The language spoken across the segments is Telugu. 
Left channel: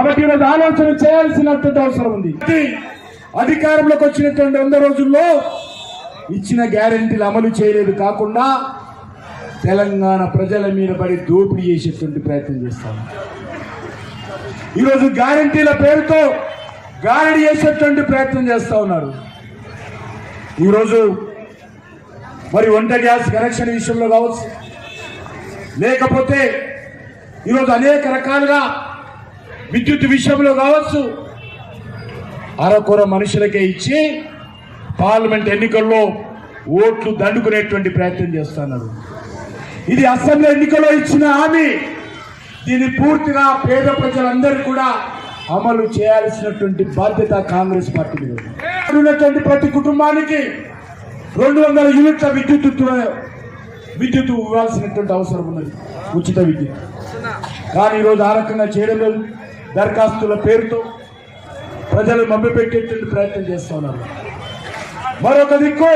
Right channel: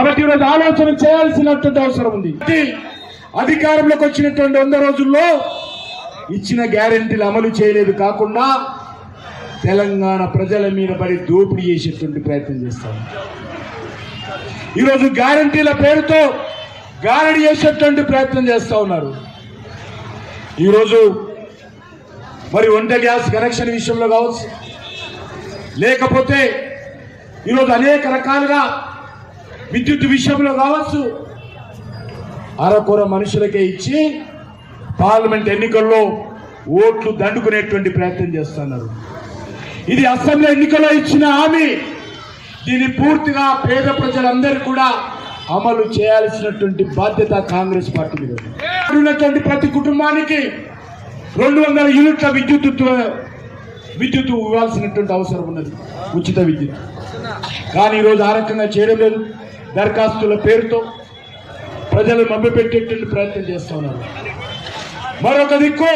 కాబట్టి ఈరోజు ఆలోచన చేయాల్సినటువంటి అవసరం ఉంది. అధికారంలోకి వచ్చినటువంటి 100 రోజుల్లో ఇచ్చిన గ్యారెంటీలు అమలు చేయలేదు కాకుండా తెలంగాణ ప్రజల మీద పడి దోపిడీ చేసేటువంటి ప్రయత్నం చేస్తాం. ఈరోజు గ్యారెంటీల పేరుతో గారడీ చేసేటువంటి ప్రయత్నం చేస్తా ఉన్నారు. ఈరోజు మరి వంట గ్యాస్ కనెక్షన్ విషయంలో కావచ్చు, లేకపోతే ఈరోజు అనేక రకాలుగా విద్యుత్ విషయంలో కావచ్చు, అరకొర మనుషులకే ఇచ్చి పార్లమెంట్ ఎన్నికల్లో ఓట్లు దండుకునేటువంటి ప్రయత్నం చేస్తున్నారు. ఇది అసెంబ్లీ ఎన్నికల్లో ఇచ్చిన హామీ. దీన్ని పూర్తిగా పేద ప్రజలందరూ కూడా అమలు చేయాల్సినటువంటి బాధ్యత కాంగ్రెస్ పార్టీ మీద ఉన్నటువంటి ప్రతి కుటుంబానికి 200 యూనిట్ల విద్యుత్ ఇవ్వాల్సినటువంటి అవసరం ఉన్నది, ఉచిత విద్యుత్. కానీ ఈరోజు ఆ రకంగా చేయడం లేదు. దరఖాస్తుల పేరుతో ప్రజలు మభ్యపెట్టేటువంటి ప్రయత్నం చేస్తూ ఉన్నారు. మరొక దిక్కు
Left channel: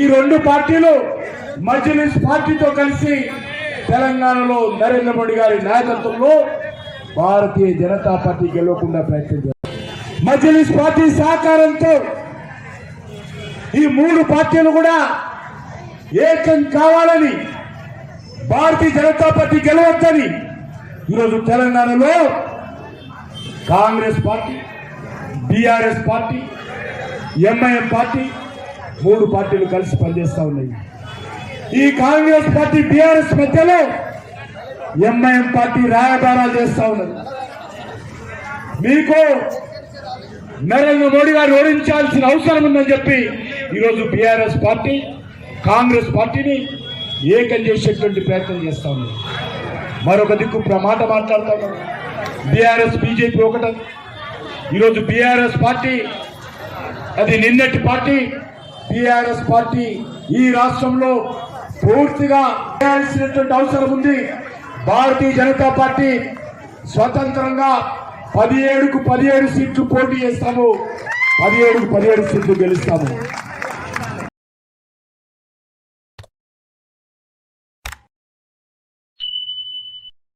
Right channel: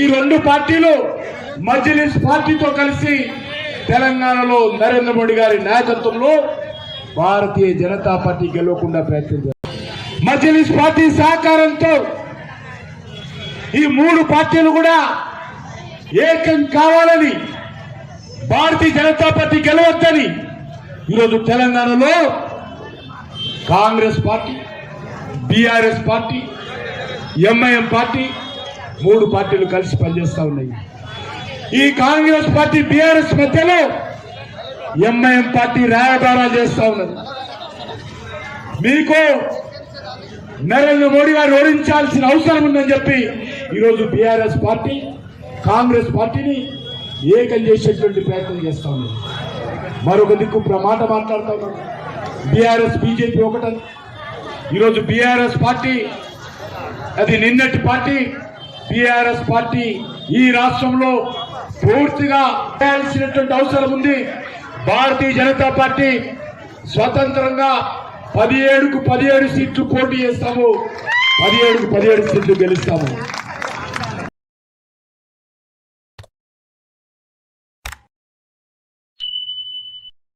ఈ 2 పార్టీలు మజ్లిస్ పార్టీతో కలిసి తెలంగాణలో నరేంద్ర మోడీ గారి నాయకత్వంలో భారతీయ జనతా పార్టీ గెలవకుండా ప్రయత్నం చేస్తారు. మజ్లిస్ పార్టీ సహకారంతో ఈ 3 పార్టీలు కూడా ఏకం కావాలని, భారతీయ జనతా పార్టీ గెలవద్దని ఈరోజు తెలంగాణలో Congress party, BRS party, MIM party 3 పార్టీలు కలిసి పనిచేస్తా ఉన్నాయి. ఈ కాంగ్రెస్ పార్టీ బీఆర్ఎస్ మధ్యలో ఎంఐఎం పార్టీ రాయబారాలు చేస్తా ఉన్నది. మీకు నరేంద్ర మోడీ గారు ఓడించాల్సిన అవసరం ఉందని చెప్పి ఈరోజు బీఆర్ఎస్ పార్టీ కాంగ్రెస్ పార్టీని ఏకం చేసేటువంటి ప్రయత్నం చేస్తా ఉన్నది. మరొక దిక్కు మాట మాట్లాడుతాను. బీఆర్ఎస్ బీజేపీ ఒకటే. ఈరోజు బీఆర్ఎస్ పార్టీ అది నిన్నటి పార్టీ. బీఆర్ఎస్ పార్టీ ఈ రాష్ట్రంలో పూర్తిగా చేయాల్సినటువంటి అవసరం ఉంది. భారతీయ జనతా పార్టీ స్వతంత్రంగా 17కు 17 సీట్లు పోటీ చేస్తాము, 17కు 17 సీట్లు గెలుస్తాము.